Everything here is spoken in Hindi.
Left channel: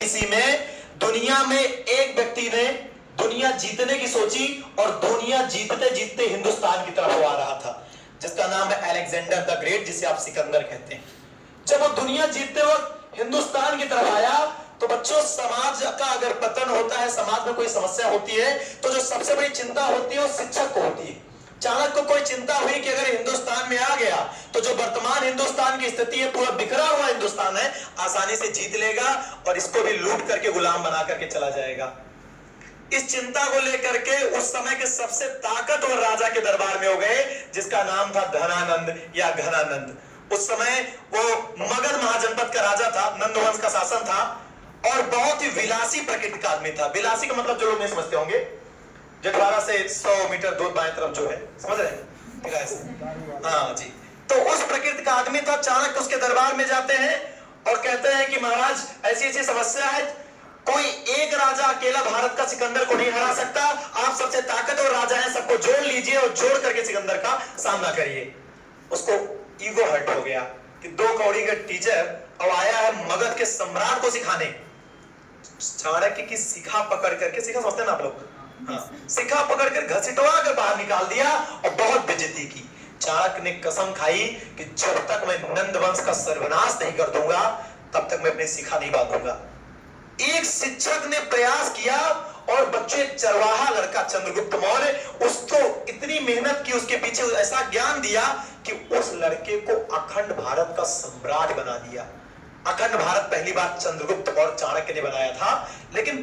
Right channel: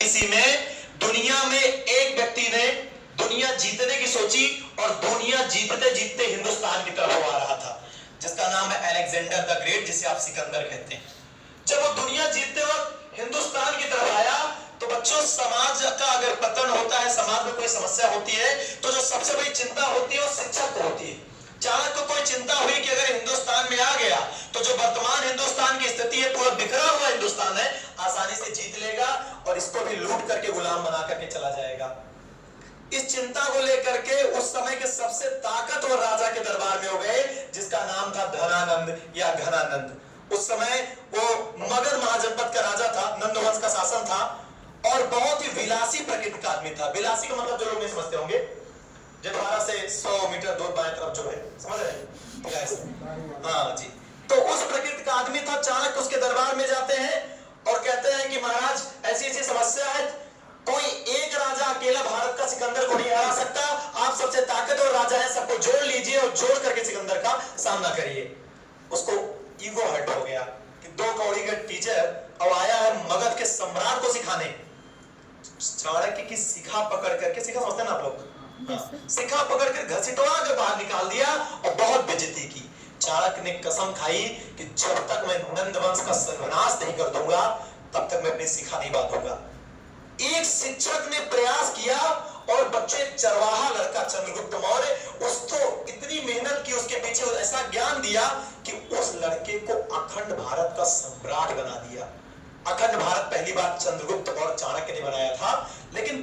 इसी में दुनिया में एक व्यक्ति ने दुनिया जीतने की सोची और दुनिया जीतते जीतते हिंदुस्तान की तरफ आ रहा था, जिसका नाम है अलेक्जेंडर द ग्रेट, जिसे आप सिकंदर कहते हैं। जब वो दुनिया जीतते वक्त हिंदुस्तान की तरफ आया तो बच्चों, समाज का अगर पतन होता है, समाज में कोई समस्या होती है, तो जो सबसे बड़ी चिंता होती है वो शिक्षक को होती है। चाणक्य को कोई चिंता हुई कि अगर हिंदुस्तान में आ गया तो जो वर्तमान हिंदुस्तान की स्थिति है, पूरा बिखरा हुआ हिंदुस्तान है, आसानी से जीत लेगा और इसको भी लूट करके गुलाम बना करके चला जाएगा। इस चिंता को लेकर के उस समय के सबसे ताकतवर राजा के दरबार में हो गए, जिसका नाम था धनानंद या घनानंद। उस समय वो मगध महाजनपद का राजा था, नंद वंश का शासन था और बहुत ही विलासी प्रकृति का आदमी था। विलासी का मतलब जो लोग नहीं समझते होंगे, जो 12 से 100 मीटर दूर बाएं तरफ जो है, समझ रहे? हाँ जी। तो उस प्रकृति का आदमी था। चाणक्य उसके दरबार में जाते हैं और कहते हैं कि महाराज, ऐसी ऐसी समस्या है, कोई एक राजा अकेला भारत का सिकंदर को नहीं हरा सकता, आप सबसे ताकतवर राजा हैं, सबको जोड़ लीजिए और जोड़ करके सिकंदर का सामना करिए। उसको ईगो हर्ट हो गया कि 2 कौड़ी का टीचर अब आया है मगध के सम्राट को सिखाने। चाणक्य की शिखा पकड़ करके, शिखा समझते हैं ना आप लोग? शिखा पकड़कर घसीटवा कर बाहर निकाल दिया और बहुत बेइज्जती की। चाणक्य ने कसम खाई कि जब तक मैं नंद वंश का सर्वनाश नहीं कर दूंगा तब तक मैं अपनी शिखा नहीं बांधूंगा। एक शिक्षक ने प्रयास किया और बच्चे, चरवाहा लड़का चंद्रगुप्त मौर्य, उसको इतनी मेहनत की, उसके पीछे ऐसा ज्ञान दिया कि उस लड़के को अखंड भारत का सम्राट बना दिया। अखंड भारत पहली बार चंद्रगुप्त और चाणक्य ने बनाया था, लेकिन